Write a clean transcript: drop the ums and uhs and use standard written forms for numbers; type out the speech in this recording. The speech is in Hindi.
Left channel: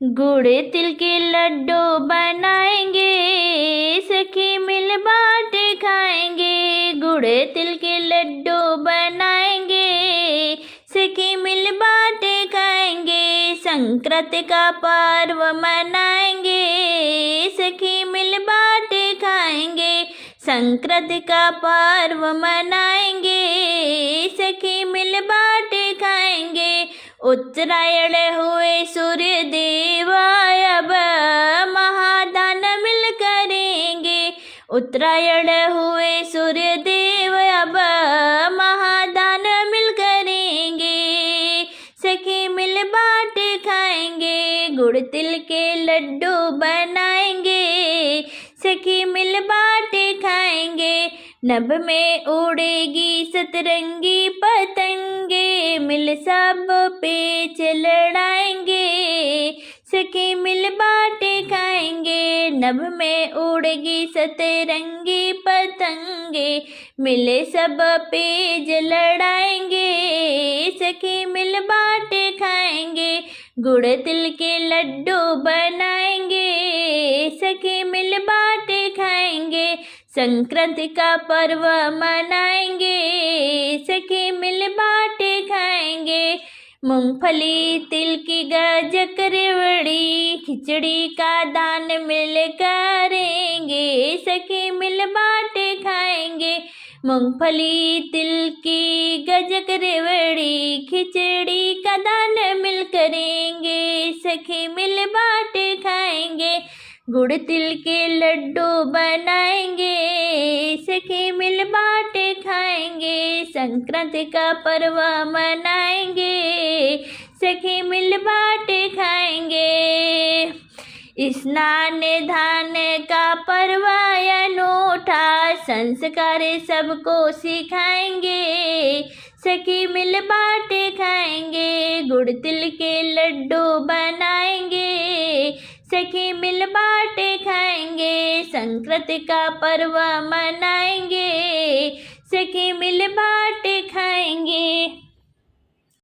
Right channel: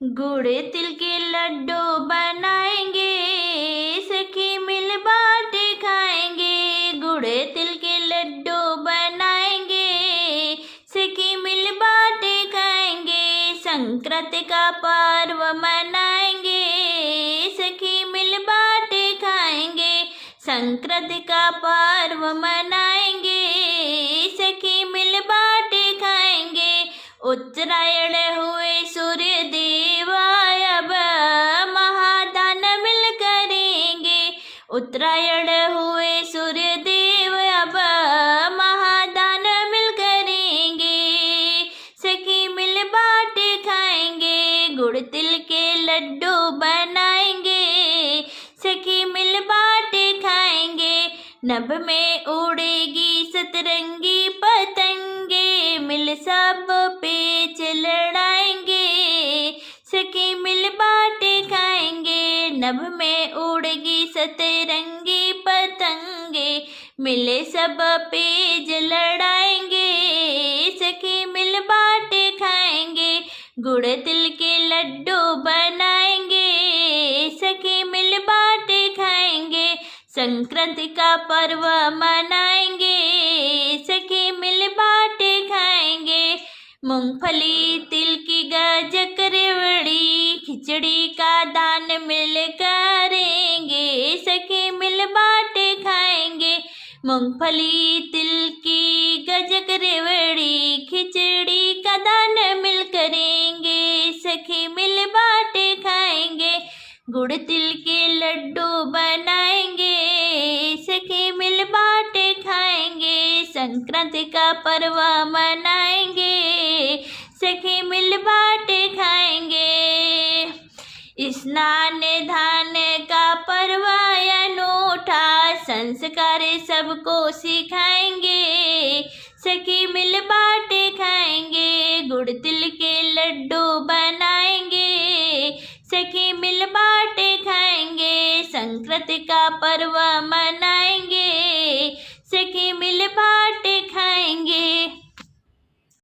गुड़ तिल के लड्डू बनाएंगे, सखी मिल बाटे खाएंगे। गुड़ तिल के लड्डू बनाएंगे, सखी मिल बाटे खाएंगे। संक्रांति का पर्व मनाएंगे, सखी मिल बाटे खाएंगे। संक्रांति का पर्व मनाएंगे, सखी मिल बाटे खाएंगे। उत्तरायण हुए सूर्य देव, अब महादान मिल करेंगे। उत्तरायण हुए सूर्य देव, अब महादान मिल करेंगे। सखी मिल बाटे खाएंगे, गुड़ तिल के लड्डू बनाएंगे, सखी मिल बाटे खाएंगे। नभ में उड़ेगी सतरंगी पतंगे, मिल सब पेच लड़ाएंगे, सखी मिल बाटे खाएंगे। नभ में उड़ेगी सतरंगी पतंगे, मिले सब पेज लड़ाएंगे, सखी मिल बाटे खाएंगे। गुड़ तिल के लड्डू बनाएंगे, सखी मिल बाटे खाएंगे। संक्रांति का पर्व मनाएंगे, सखी मिल बाटे खाएंगे। मूंगफली तिल की गजक रेवड़ी, खिचड़ी का दान मिल करेंगे, सखी मिल बाटे खाएंगे। मूंगफली तिल की गजक रेवड़ी, खिचड़ी का दान मिल करेंगे, सखी मिल बाटे खाएंगे। गुड़ तिल के लड्डू बनाएंगे, सखी मिल बाटे खाएंगे। संक्रांति का पर्व मनाएंगे, सखी मिल बाटे खाएंगे। स्नान दान का पर्व अनूठा, संस्कार सबको सिखाएंगे, सखी मिल बाटे खाएंगे। गुड़ तिल के लड्डू बनाएंगे, सखी मिल बाटे खाएंगे। संक्रांति का पर्व मनाएंगे, सखी मिल बाटे खाएंगे।